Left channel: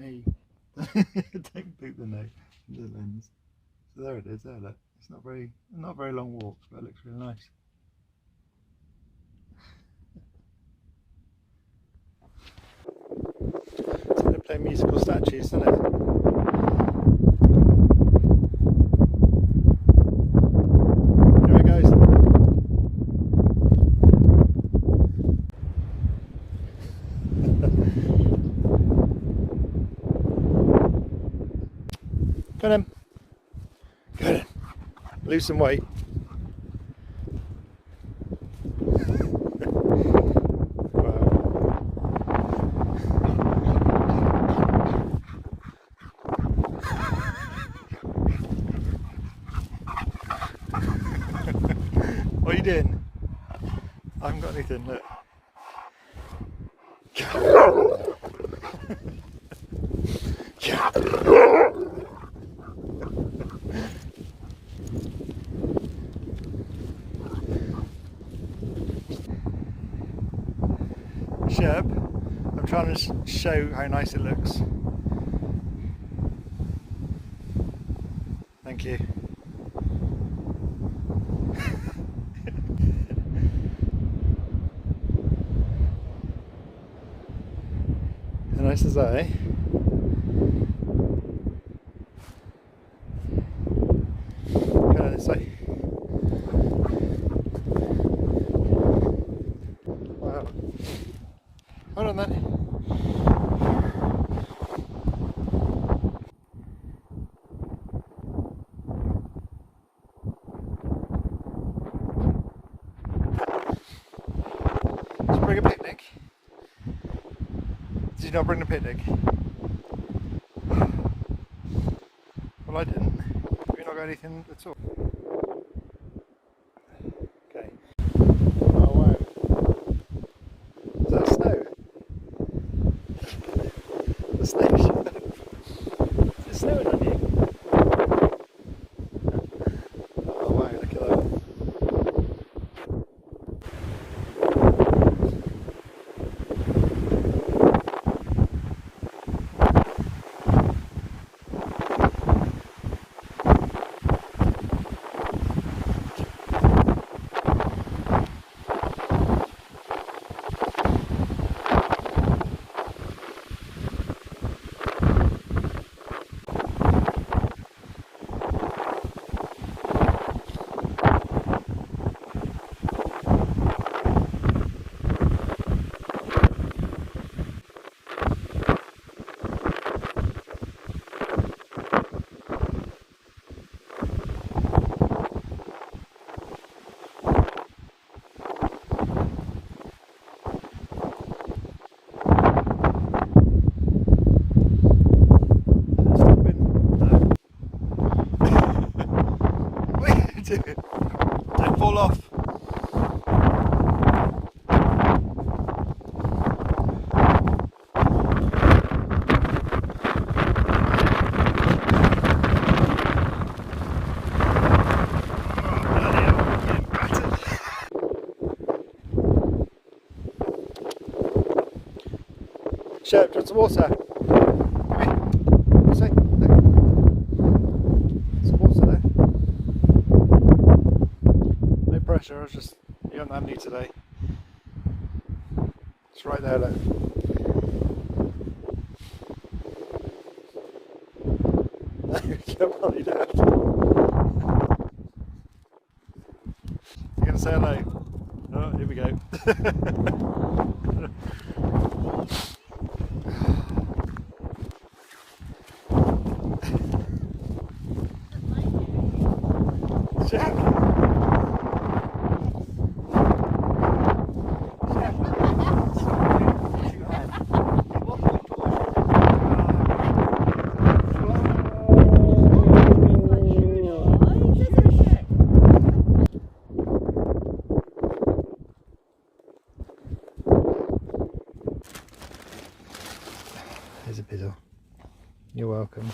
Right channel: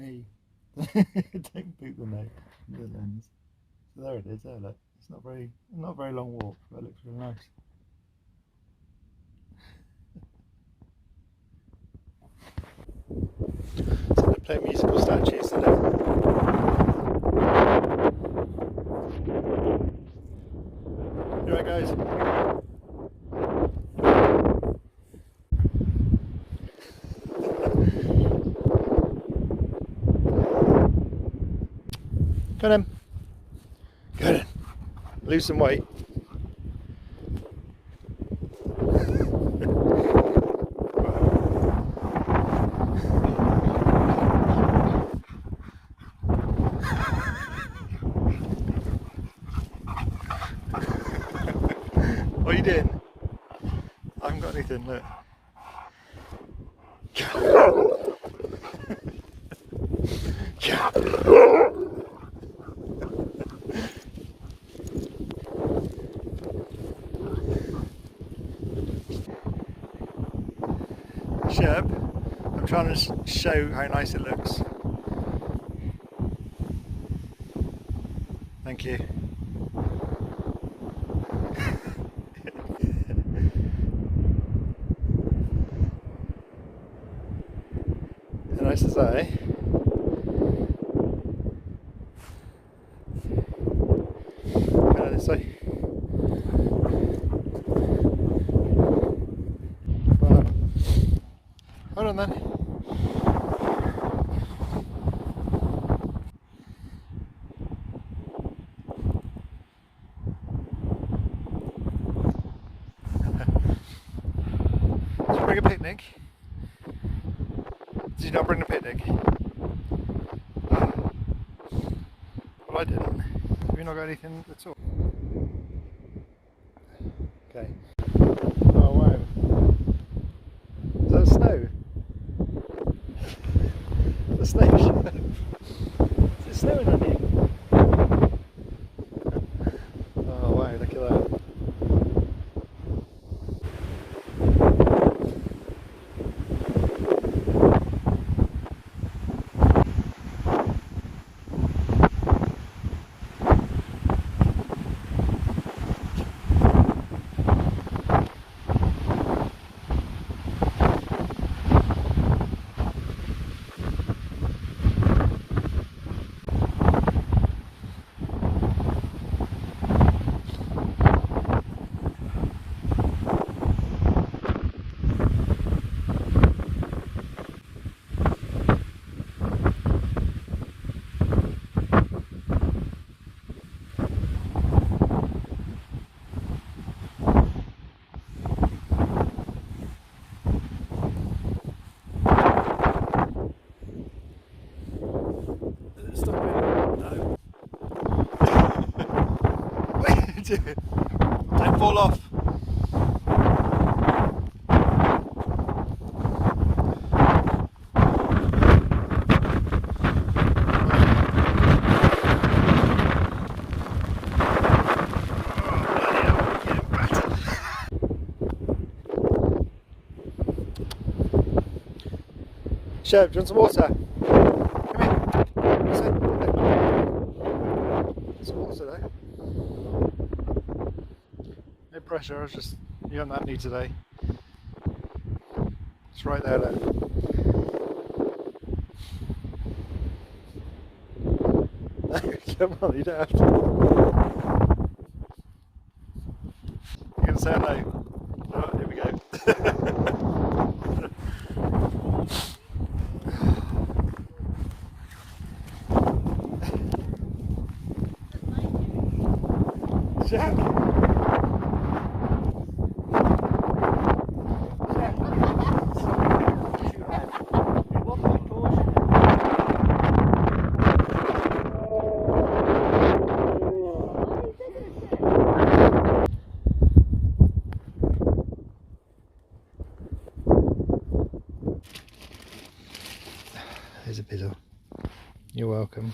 Hey, don't poop the lens. So there it is. There, look. It's not a very long walk, but it looks really nice. So they play musical statues today. Here it goes. Go on, go on. Lose some weight. What are you doing? I haven't got anything, look. Sherp, I'm trying to show how nice it looks. Thank you. How nice is that, eh? Go on this way. Wow. Hold on then. Did you bring a picnic? Did you not bring a picnic? Well, I didn't. Have you not got anything at all? Okay. Oh wow. Is that snow? The snow. Is it snowing on you? Oh wow, look at that. Don't fall off. Sherp, do you want some water? Come here. What's it? Some water there. No pressure, I was just, you haven't had any today. It's right there, look. No, come on, you don't have to. You're going to say no? Oh, here we go. There's a biddle. You're welcome.